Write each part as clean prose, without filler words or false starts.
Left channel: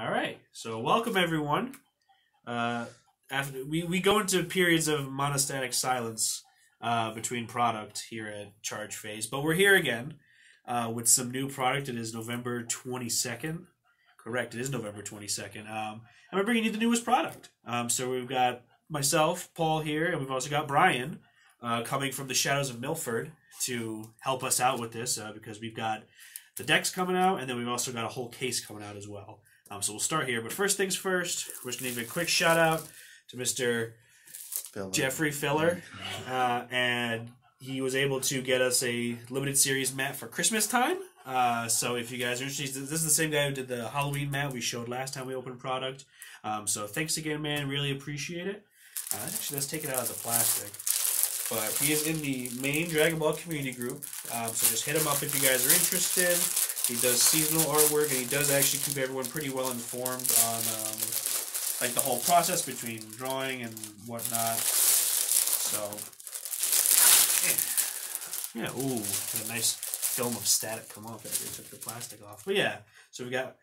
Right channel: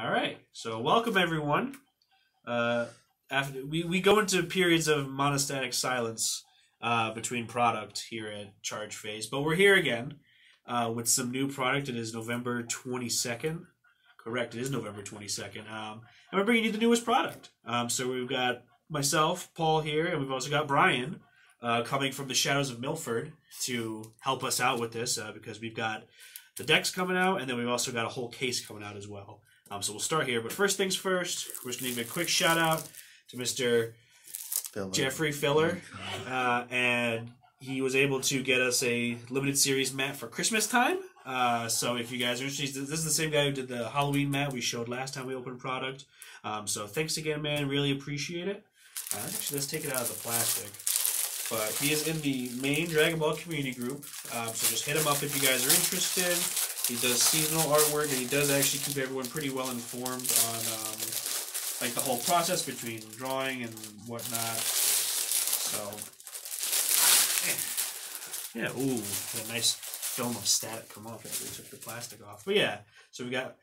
All right. So welcome everyone. After we go into periods of monostatic silence between product here at Charge Phase, but we're here again with some new product. It is November 22nd. Correct. It is November 22nd. And we're bringing you the newest product. So we've got myself, Paul here, and we've also got Brian coming from the shadows of Milford to help us out with this because we've got the decks coming out, and then we've also got a whole case coming out as well. So we'll start here. But first things first, we're just going to give a quick shout out to Mr. Jeffrey Filler. And he was able to get us a limited series mat for Christmas time. So if you guys are interested, this is the same guy who did the Halloween mat we showed last time we opened product. So thanks again, man. Really appreciate it. Actually, let's take it out of the plastic. But he is in the main Dragon Ball community group. So just hit him up if you guys are interested. He does seasonal artwork, and he does actually keep everyone pretty well informed on like the whole process between drawing and whatnot. So, yeah, ooh, a nice film of static come off after we took the plastic off. But yeah, so we got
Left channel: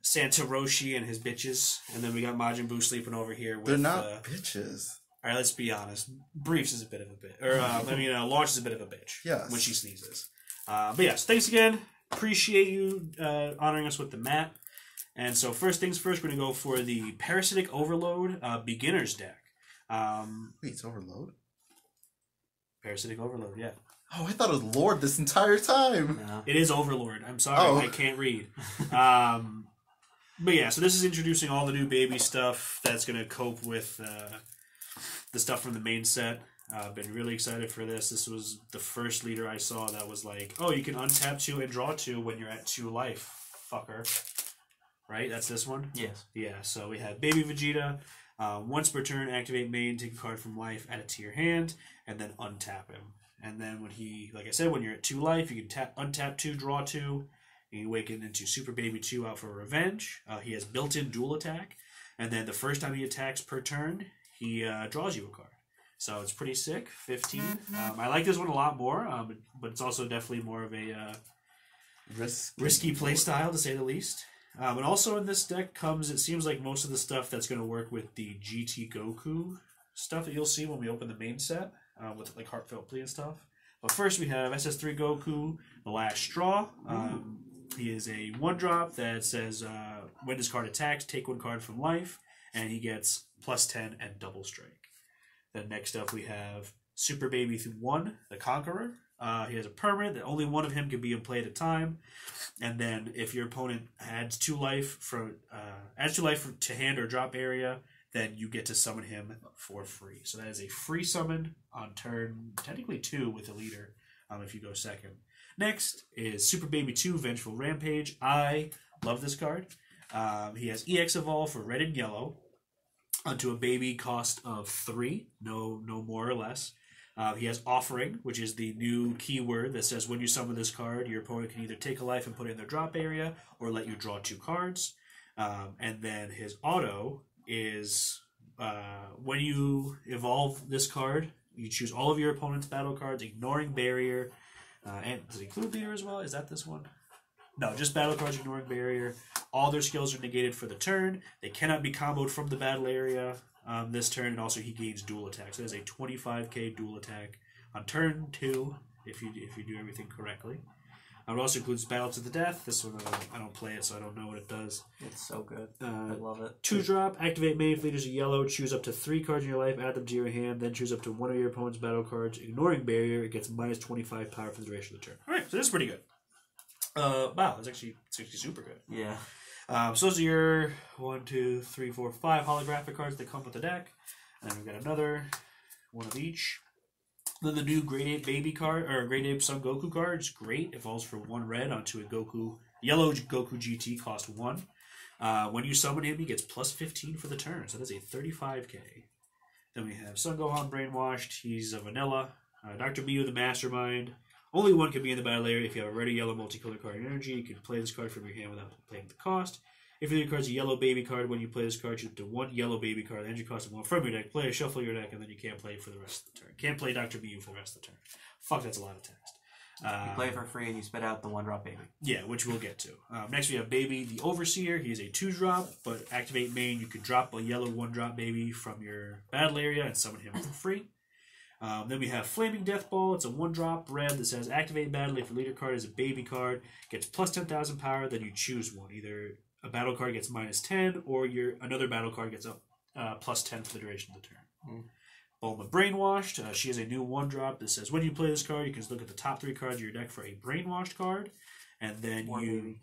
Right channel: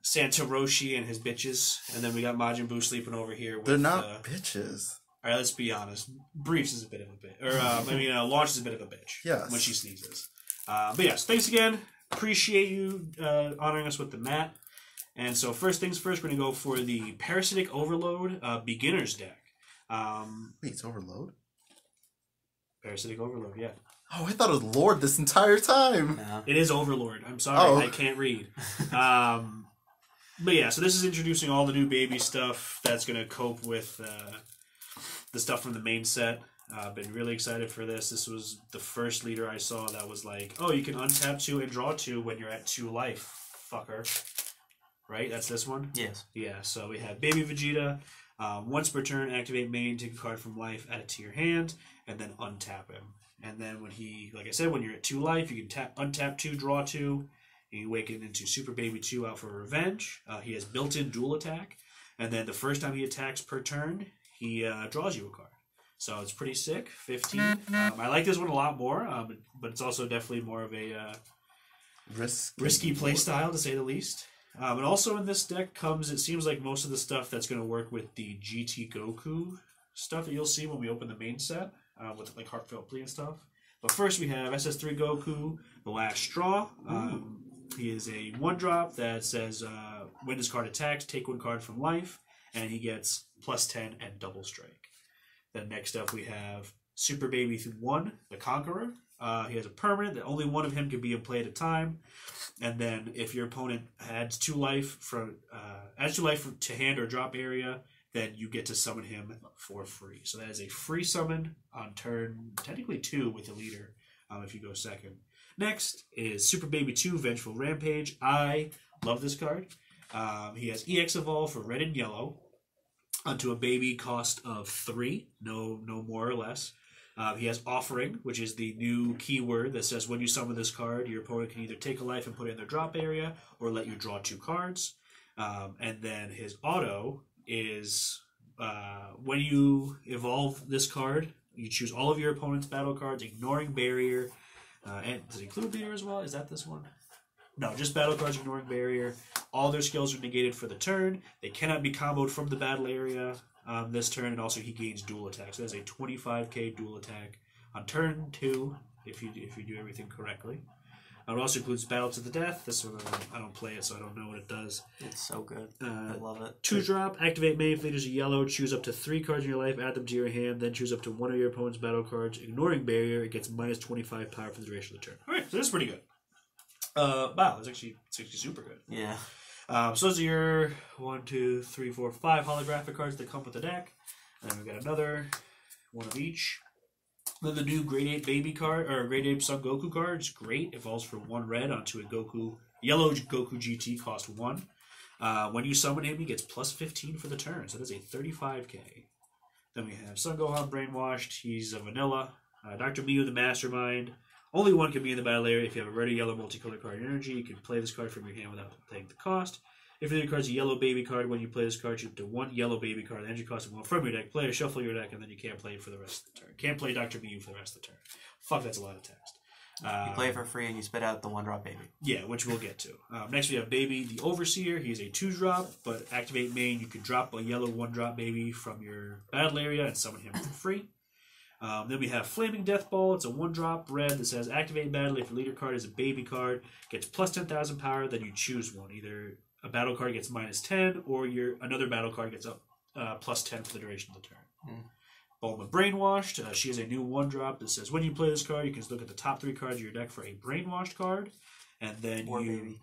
Santa Roshi and his bitches, and then we got Majin Buu sleeping over here. With, they're not bitches. All right, let's be honest. Briefs is a bit of a bitch, or Launch is a bit of a bitch. Yes. When she sneezes. But yes, thanks again. Appreciate you honoring us with the mat. And so first things first, we're going to go for the Parasitic Overlord beginner's deck. Wait, it's Overload? Parasitic Overlord, yeah. Oh, I thought it was Lord this entire time. Yeah. It is Overlord. I'm sorry, I can't read. But yeah, so this is introducing all the new baby stuff that's going to cope with the stuff from the main set. I've been really excited for this. This was the first leader I saw that was like, oh, you can untap 2 and draw 2 when you're at 2 life, fucker. Right? That's this one? Yes. Yeah, so we have Baby Vegeta. Once per turn, activate main, take a card from life, add it to your hand, and then untap him. And then when he, like I said, when you're at 2 life, you can untap 2, draw 2, and you awaken into Super Baby 2 out for revenge. He has built-in dual attack, and then the first time he attacks per turn, he draws you a card. So it's pretty sick. 15. I like this one a lot more, but it's also definitely more of a risky play style, to say the least. But also in this deck comes, it seems like most of the stuff that's going to work with the GT Goku stuff that you'll see when we open the main set, with like Heartfelt Plea and stuff. But first we have SS3 Goku, The Last Straw. He is a 1-drop that says, when this card attacks, take 1 card from life, and he gets +10 and double strike. Then next up we have Super Baby 1, the Conqueror. He has a permanent that only one of him can be in play at a time. And then if your opponent adds 2 life to hand or drop area, then you get to summon him for free. So that is a free summon on turn, technically 2 with the leader, if you go second. Next is Super Baby 2, Vengeful Rampage. I love this card. He has EX Evolve for red and yellow onto a baby cost of 3, no more or less. He has Offering, which is the new keyword that says when you summon this card, your opponent can either take a life and put it in their drop area, or let you draw 2 cards. And then his auto is when you evolve this card, you choose all of your opponent's battle cards, ignoring barrier. And does it include leader as well? Is that this one? No, just battle cards ignoring barrier. All their skills are negated for the turn. They cannot be comboed from the battle area this turn, and also he gains dual attack. So that's a 25k dual attack on turn 2 if you do everything correctly. It also includes Battle to the Death. This one I don't play it, so I don't know what it does. It's so good. I love it. 2-drop, activate main if leaders are yellow. Choose up to 3 cards in your life, add them to your hand, then choose up to 1 of your opponent's battle cards. Ignoring barrier, it gets -25 power for the duration of the turn. All right, so this is pretty good. Wow, it's actually super good. Yeah. So those are your 1, 2, 3, 4, 5 holographic cards that come with the deck. And then we've got another one of each. Then the new Grade 8 Baby card, or Grade 8 Son Goku card is great. It falls for 1 red onto a yellow Goku GT, cost 1. When you summon him, he gets +15 for the turn, so that's a 35k. Then we have Son Gohan Brainwashed. He's a vanilla. Dr. Miyu the Mastermind. Only one can be in the battle area. If you have a red or yellow multicolored card energy, you can play this card from your hand without paying the cost. If your card's a yellow baby card, when you play this card, you have to 1 yellow baby card, energy cost of 1 from your deck. Play or shuffle your deck, and then you can't play it for the rest of the turn. Can't play Dr. Miyu for the rest of the turn. Fuck, that's a lot of text. You play it for free and you spit out the 1-drop baby. Yeah, which we'll get to. Next we have Baby the Overseer. He's a 2-drop, but activate main, you can drop a yellow 1-drop baby from your battle area and summon him for free. Then we have Flaming Death Ball. It's a 1-drop red that says activate battle. If your leader card is a baby card, gets plus 10,000 power, then you choose one. Either a battle card gets minus 10, or another battle card gets up plus 10 for the duration of the turn. Bulma Brainwashed. She has a new 1-drop that says when you play this card, you can look at the top 3 cards of your deck for a Brainwashed card, and then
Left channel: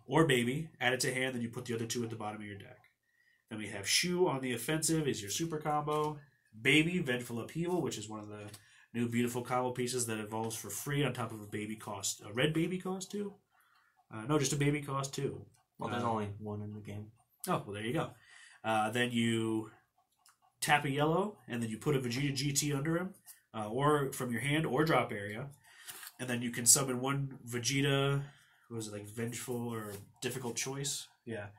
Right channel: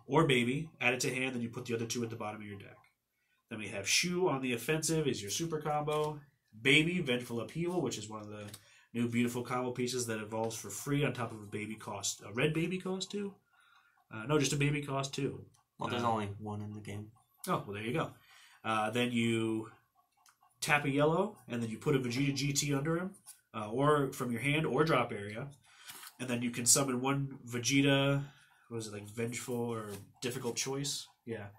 or baby, add it to hand, then you put the other 2 at the bottom of your deck. Then we have Shu on the offensive is your super combo. Baby, Vengeful Upheaval, which is one of the new beautiful combo pieces that evolves for free on top of a baby cost. A red baby cost too? No, just a baby cost too. Well, there's only one in the game. Oh, well, there you go. Then you tap a yellow, and then you put a Vegeta GT under him, or from your hand or drop area, and then you can summon one Vegeta. What was it, like Vengeful or Difficult Choice? Yeah.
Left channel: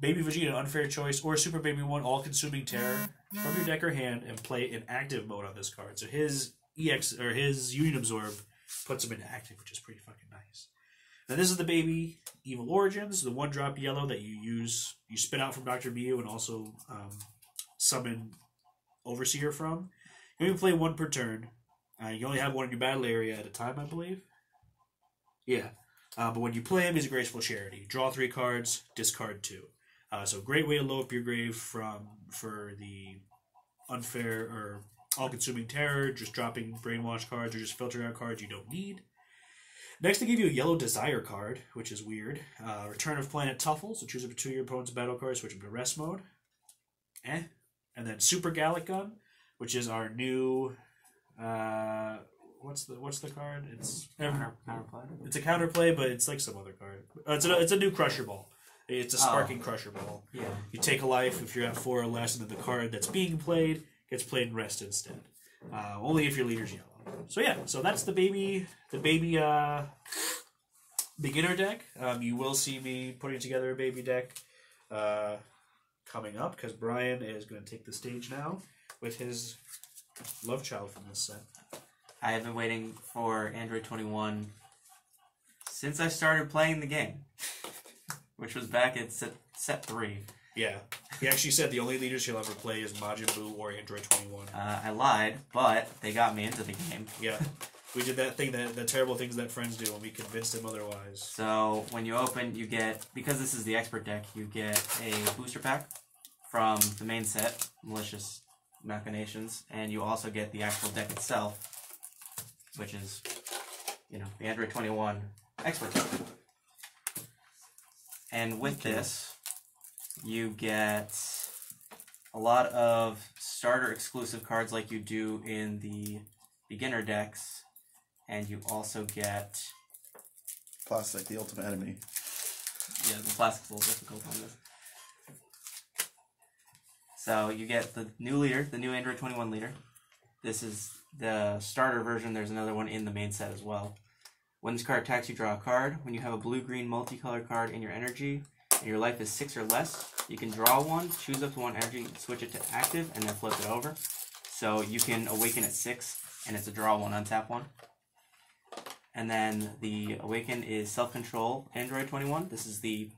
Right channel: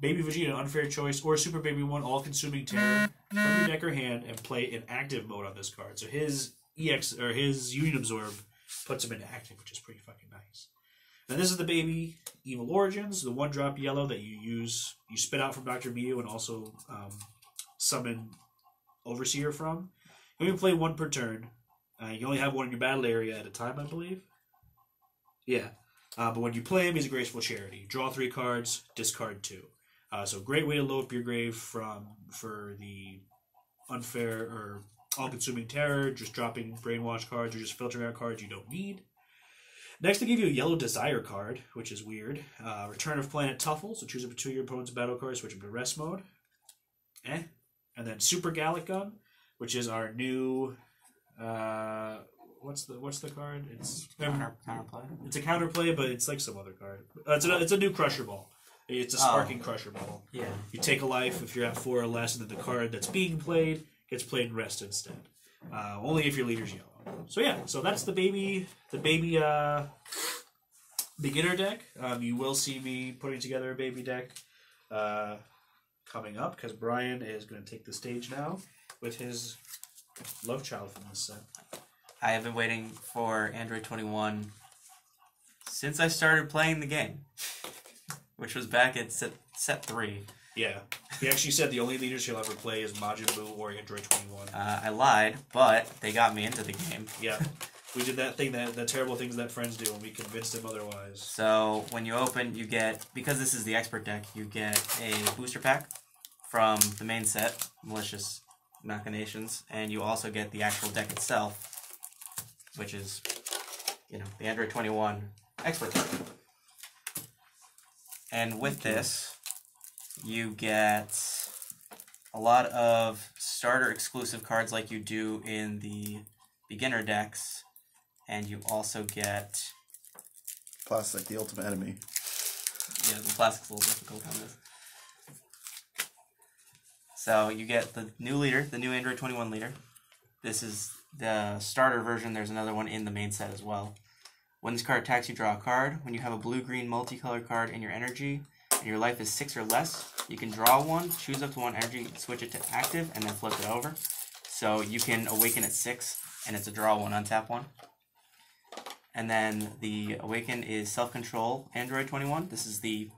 Baby Vegeta, Unfair Choice, or Super Baby 1, All-Consuming Terror from your deck or hand, and play in active mode on this card. So his EX or his Union Absorb puts him into active, which is pretty fucking nice. And this is the Baby Evil Origins, the 1-drop yellow that you spit out from Dr. Mew and also summon Overseer from. You can play 1 per turn. You only have 1 in your battle area at a time, I believe. Yeah. But when you play him, he's a Graceful Charity. Draw 3 cards, discard 2. So great way to load up your grave for the Unfair or All-Consuming Terror, just dropping Brainwash cards or just filtering out cards you don't need. Next, they give you a Yellow Desire card, which is weird. Return of Planet Tuffle, so choose up to 2 of your opponent's battle cards, switch them to rest mode. And then Super Gallic Gun, which is our new... What's the card? It's counterplay. It's a counterplay, but it's like some other card. It's a new Crusher Ball. It's a Sparking Crusher Ball. Yeah. You take a life if you're at 4 or less, and then the card that's being played gets played in rest instead. Only if your leader's yellow. So yeah, so that's the baby beginner deck. You will see me putting together a baby deck coming up because Brian is going to take the stage now with his love child from this set. I have been waiting for Android 21 since I started playing the game, which was back at set 3. Yeah. He actually said the only leaders he'll ever play is Majin Buu or Android 21. I lied, but they got me into the game. Yeah. We did that thing, that terrible things that friends do, and we convinced them otherwise. So when you open, you get, because this is the expert deck, you get a booster pack from the main set, Malicious Machinations, and you also get the actual deck itself, which is, the Android 21 expert deck. And with this, you get a lot of starter exclusive cards like you do in the beginner decks, and you also get... Plastic, the ultimate enemy. Yeah, the plastic's a little difficult on this. So you get the new leader, the new Android 21 leader. This is the starter version. There's another one in the main set as well. When this card attacks, you draw a card. When you have a blue-green multicolored card in your energy, and your life is 6 or less, you can draw 1, choose up to 1 energy, switch it to active, and then flip it over. So you can awaken at 6, and it's a draw 1, untap 1. And then the awaken is self-control Android 21. This is the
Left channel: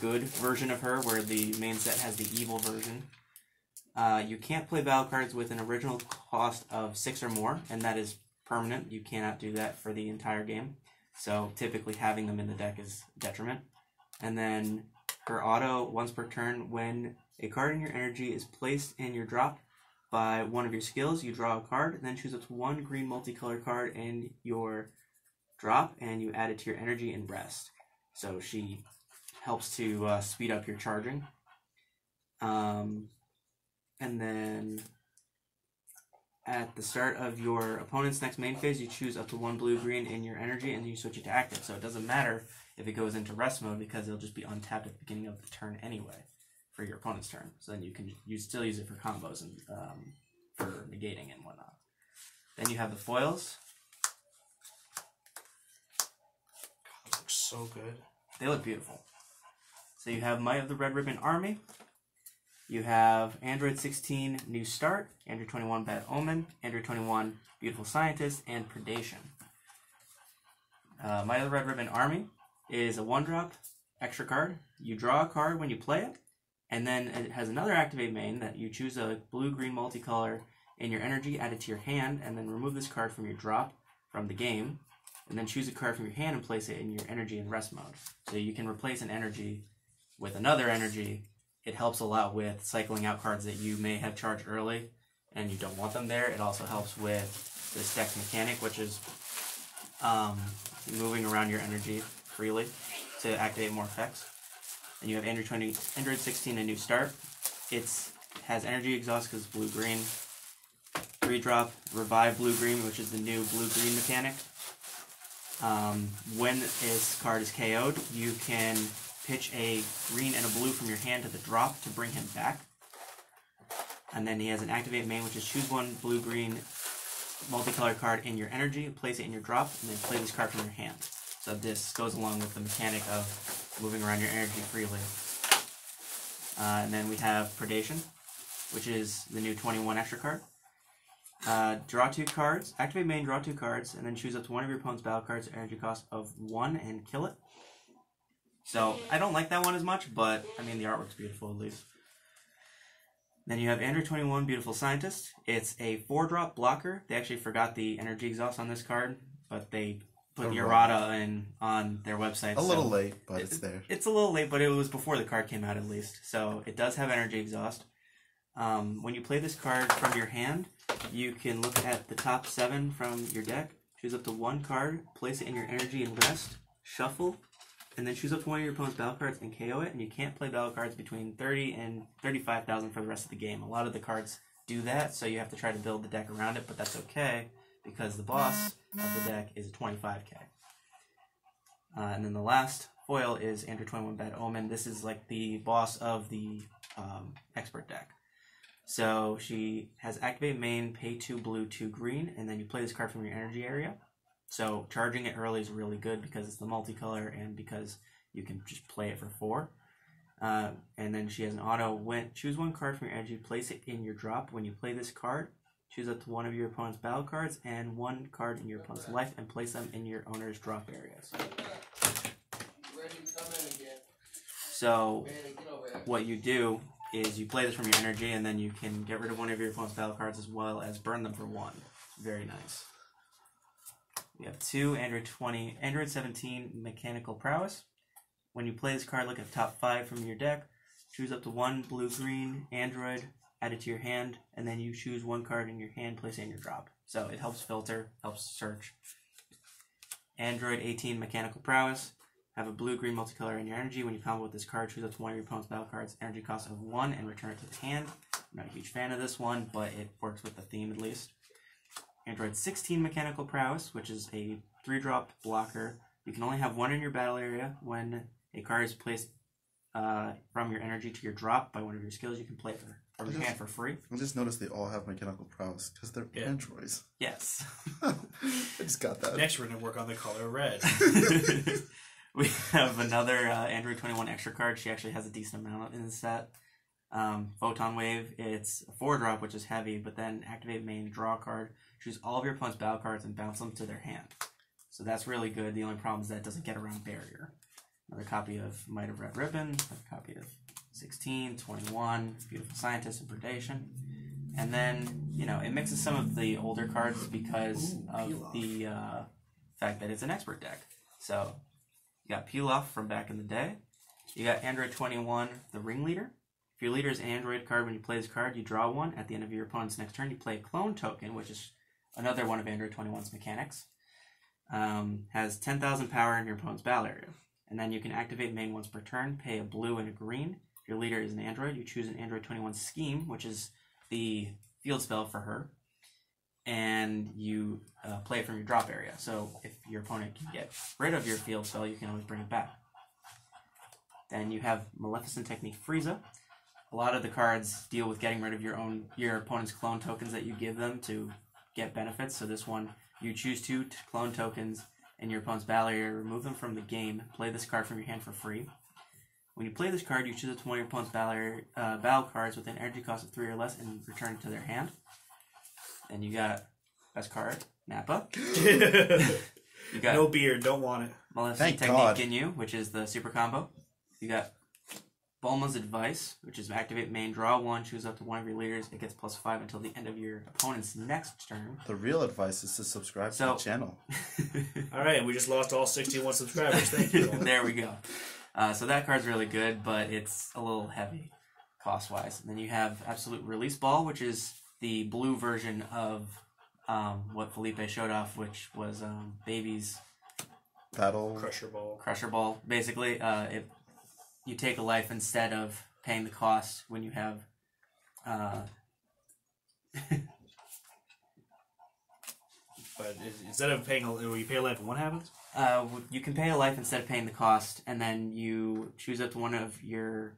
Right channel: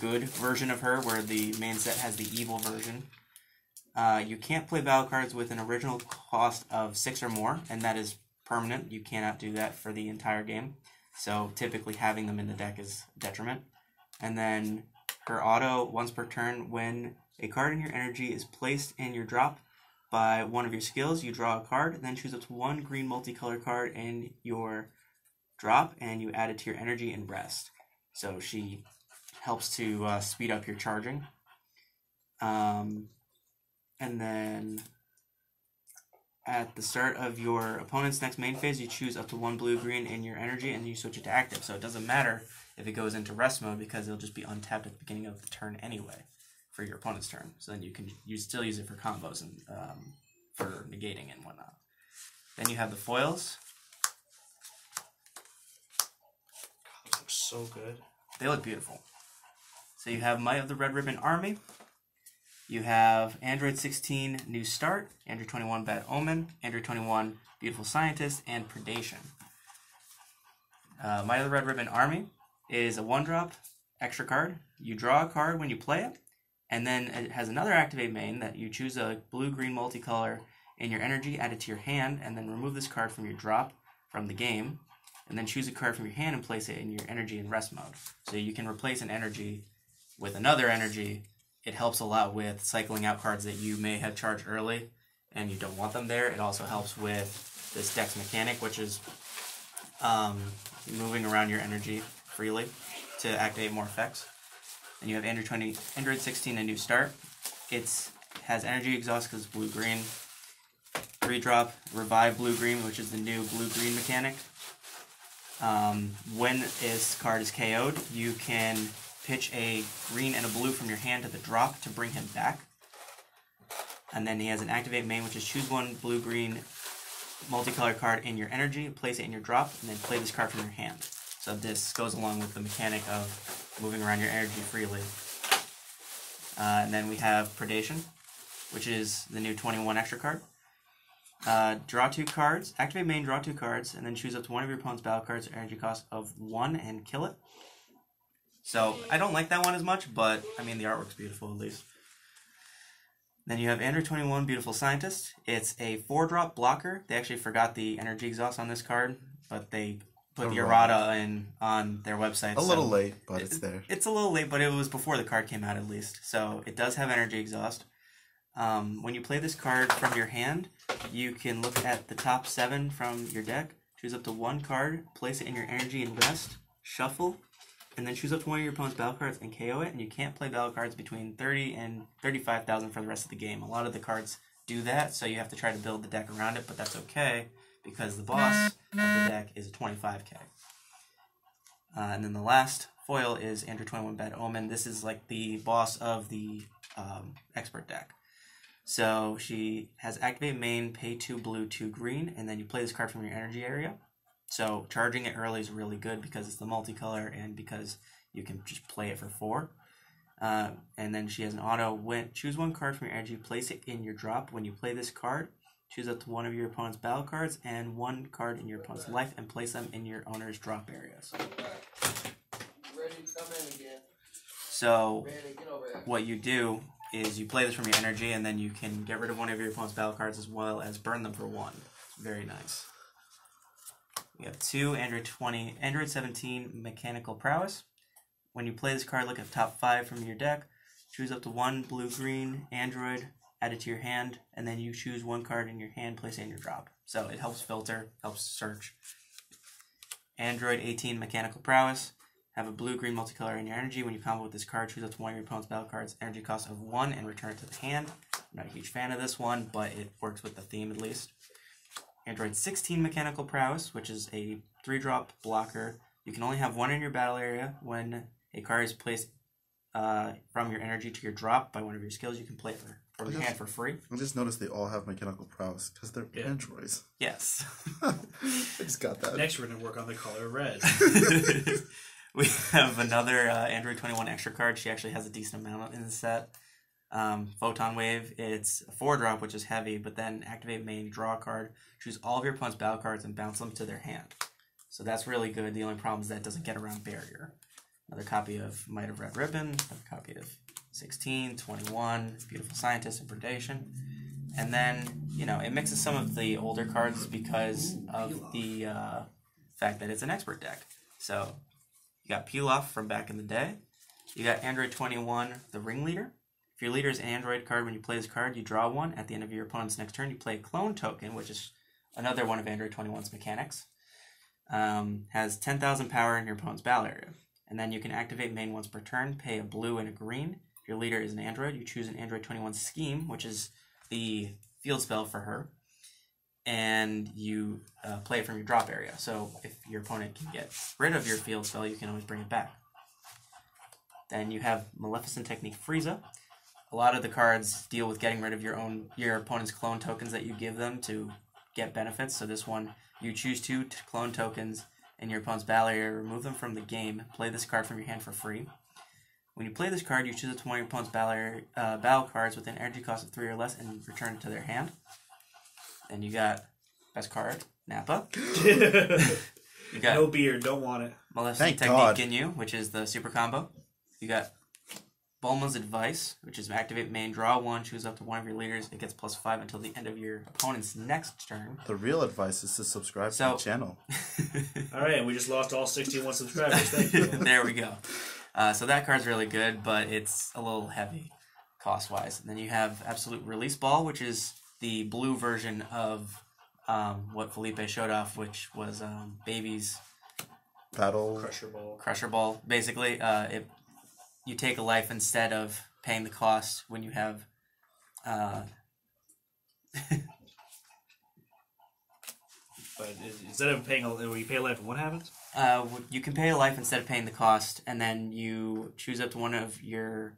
good version of her, where the main set has the evil version. You can't play battle cards with an original cost of 6 or more, and that is permanent. You cannot do that for the entire game. So typically having them in the deck is a detriment. And then her auto, once per turn, when a card in your energy is placed in your drop by one of your skills, you draw a card, then choose up to 1 green multicolored card in your drop, and you add it to your energy and rest. So she helps to speed up your charging. And then at the start of your opponent's next main phase, you choose up to 1 blue-green in your energy, and you switch it to active. So it doesn't matter if it goes into rest mode, because it'll just be untapped at the beginning of the turn anyway for your opponent's turn. So then you still use it for combos and for negating and whatnot. Then you have the foils. These look so good. They look beautiful. So you have Might of the Red Ribbon Army. You have Android 16 New Start, Android 21 Bad Omen, Android 21 Beautiful Scientist, and Predation. Might of the Red Ribbon Army is a 1-drop extra card. You draw a card when you play it, and then it has another activate main that you choose a blue-green multicolor in your energy, add it to your hand, and then remove this card from your drop from the game, and then choose a card from your hand and place it in your energy in rest mode. So you can replace an energy with another energy. It helps a lot with cycling out cards that you may have charged early and you don't want them there. It also helps with this deck's mechanic, which is moving around your energy freely to activate more effects. And you have Android 16, a new start. It has energy exhaust because it's blue-green. 3-drop, revive blue-green, which is the new blue-green mechanic. When this card is KO'd, you can pitch a green and a blue from your hand to the drop to bring him back. And then he has an activate main, which is choose one blue-green multicolor card in your energy, place it in your drop, and then play this card from your hand. So this goes along with the mechanic of moving around your energy freely. And then we have Predation, which is the new 21 extra card. Draw 2 cards, activate main, draw 2 cards, and then choose up to one of your opponent's battle cards at energy cost of 1 and kill it. So I don't like that one as much, but I mean the artwork's beautiful at least. Then you have Android 21 Beautiful Scientist. It's a 4-drop blocker. They actually forgot the energy exhaust on this card, but they put the errata in on their website. A little late, but it's there. It's a little late, but it was before the card came out at least. So it does have energy exhaust. When you play this card from your hand, you can look at the top 7 from your deck, choose up to 1 card, place it in your energy and rest, shuffle, and then choose up to one of your opponent's battle cards and KO it, and you can't play battle cards between 30 and 35,000 for the rest of the game. A lot of the cards do that, so you have to try to build the deck around it, but that's okay, because the boss of the deck is a 25k. And then the last foil is Android 21 Bad Omen. This is like the boss of the expert deck. So she has activate main, pay 2 blue, 2 green, and then you play this card from your energy area. So charging it early is really good because it's the multicolor and because you can just play it for 4. And then she has an auto choose 1 card from your energy, place it in your drop. When you play this card, choose up to one of your opponent's battle cards and 1 card in your opponent's life and place them in your owner's drop areas. So what you do is you play this from your energy, and then you can get rid of one of your opponent's battle cards as well as burn them for 1. Very nice. We have 2 Android 17 Mechanical Prowess. When you play this card, look at the top 5 from your deck, choose up to 1 blue-green Android, add it to your hand, and then you choose 1 card in your hand, place it in your drop. So it helps filter, helps search. Android 18 Mechanical Prowess. Have a blue-green multicolor in your energy. When you combo with this card, choose up to one of your opponent's battle cards, energy cost of 1, and return it to the hand. I'm not a huge fan of this one, but it works with the theme at least. Android 16 Mechanical Prowess, which is a 3-drop blocker. You can only have 1 in your battle area. When a card is placed from your energy to your drop by one of your skills, you can play it from your hand for free. I just noticed they all have mechanical prowess because they're androids. Yes. I just got that. Next, we're going to work on the color red. We have another Android 21 extra card. She actually has a decent amount in the set. Photon Wave. It's a 4-drop, which is heavy, but then activate main, draw a card, choose all of your opponent's battle cards, and bounce them to their hand. So that's really good. The only problem is that it doesn't get around barrier. Another copy of Might of Red Ribbon, another copy of 16, 21, Beautiful Scientist, and Predation. And then, you know, it mixes some of the older cards because of the fact that it's an expert deck. So you got Peel Off from back in the day. You got Android 21, the Ringleader. If your leader is an Android card, when you play this card, you draw 1. At the end of your opponent's next turn, you play a clone token, which is another one of Android 21's mechanics. Has 10,000 power in your opponent's battle area. And then you can activate main once per turn, pay a blue and a green. If your leader is an Android, you choose an Android 21 Scheme, which is the field spell for her. And you play it from your drop area. So if your opponent can get rid of your field spell, you can always bring it back. Then you have Maleficent Technique Frieza. A lot of the cards deal with getting rid of your opponent's clone tokens that you give them to get benefits. So this one, you choose 2 clone tokens in your opponent's battle area, remove them from the game, play this card from your hand for free. When you play this card, you choose one of your opponent's battle cards with an energy cost of 3 or less and return it to their hand. Then you got best card, Nappa. You got no beard, don't want it. Maleficent Thank God. Technique Ginyu, which is the super combo. You got Bulma's Advice, which is activate main, draw 1, choose up to one of your leaders. It gets +5 until the end of your opponent's next turn. The real advice is to subscribe to the channel. All right, and we just lost all 61 subscribers. Thank you. There we go. So that card's really good, but it's a little heavy cost-wise. And then you have Absolute Release Ball, which is the blue version of what Felipe showed off, which was Baby's Battle. Crusher Ball. Basically, you take a life instead of paying the cost when you have... But instead of paying, when you pay a life, what happens? You can pay a life instead of paying the cost, and then you choose up to one of your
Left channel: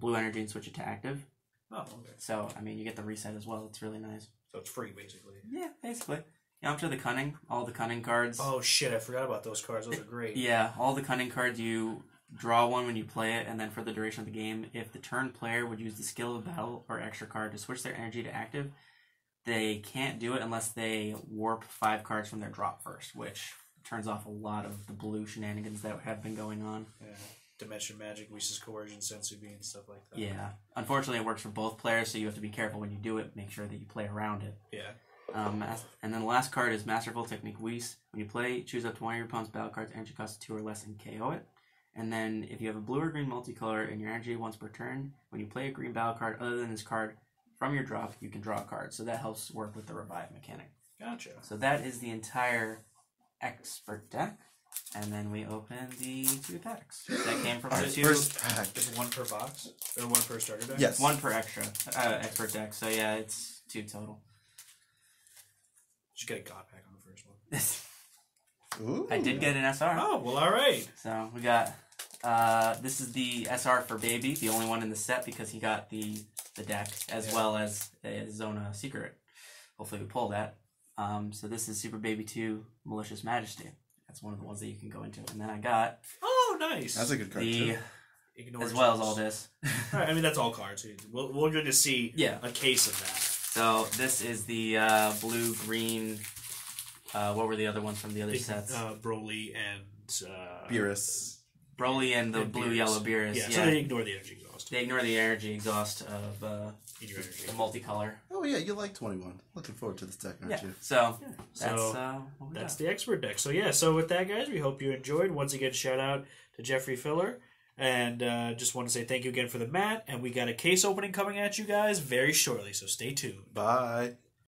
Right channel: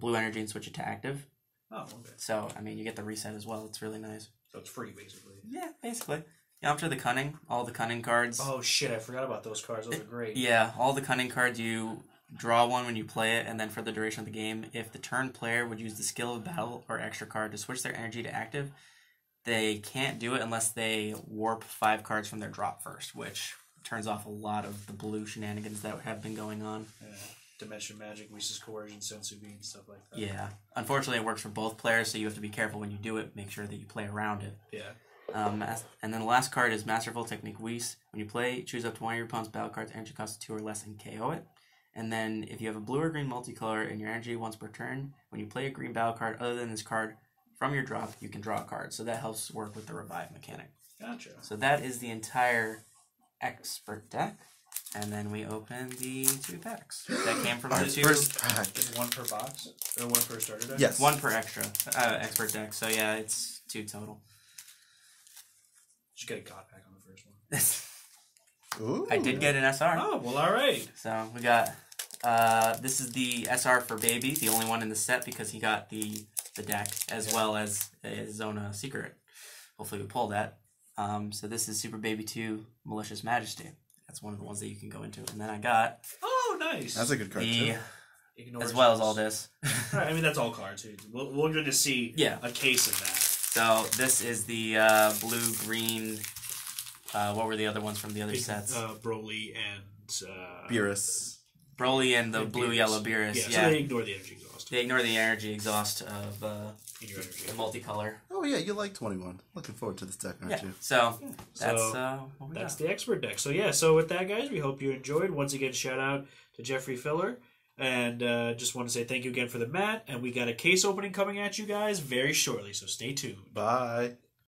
blue energy and switch it to active. Oh, okay. So, I mean, you get the reset as well. It's really nice. So it's free, basically. Yeah, basically. Yeah, up to the Cunning. All the Cunning cards. Oh, shit, I forgot about those cards. Those are great. Yeah, all the Cunning cards, you draw one when you play it, and then for the duration of the game, if the turn player would use the skill of battle or extra card to switch their energy to active, they can't do it unless they warp 5 cards from their drop first, which turns off a lot of the blue shenanigans that have been going on. Yeah. Dimension Magic, Reese's Coercion, Sensu Bean, stuff like that. Yeah. Unfortunately, it works for both players, so you have to be careful when you do it. Make sure that you play around it. Yeah. And then the last card is Masterful Technique Whis. When you play, choose up to one of your opponent's battle cards, energy cost 2 or less, and KO it. And then if you have a blue or green multicolor and your energy once per turn, when you play a green battle card other than this card from your drop, you can draw a card. So that helps work with the revive mechanic. Gotcha. So that is the entire expert deck. And then we open the 2 packs. That came from the 2. First pack. Is one per box? Or one per starter deck? Yes. 1 per extra expert deck. So yeah, it's 2 total. Just get a God pack on the first one. Ooh. I did get an SR. Oh, well, alright. So we got, this is the SR for Baby, the only one in the set because he got the deck as well as a Zona Secret. Hopefully we pull that. So this is Super Baby 2 Malicious Majesty. That's one of the ones that you can go into. And then I got... Oh, nice. That's a good card, too. As well as all this. Right, I mean, that's all cards. We're going to see a case of that. So this is the blue-green... what were the other ones from the other sets? Broly and... Beerus. Broly and the blue-yellow Beerus. Yeah, so they ignore the energy exhaust. They ignore the energy exhaust of the multicolor. Oh, yeah, you like 21. Looking forward to this deck, aren't you? So, that's the expert deck. So, yeah, so with that, guys, we hope you enjoyed. Once again, shout out to Jeffrey Filler. And just want to say thank you again for the mat. And we got a case opening coming at you guys very shortly, so stay tuned. Bye.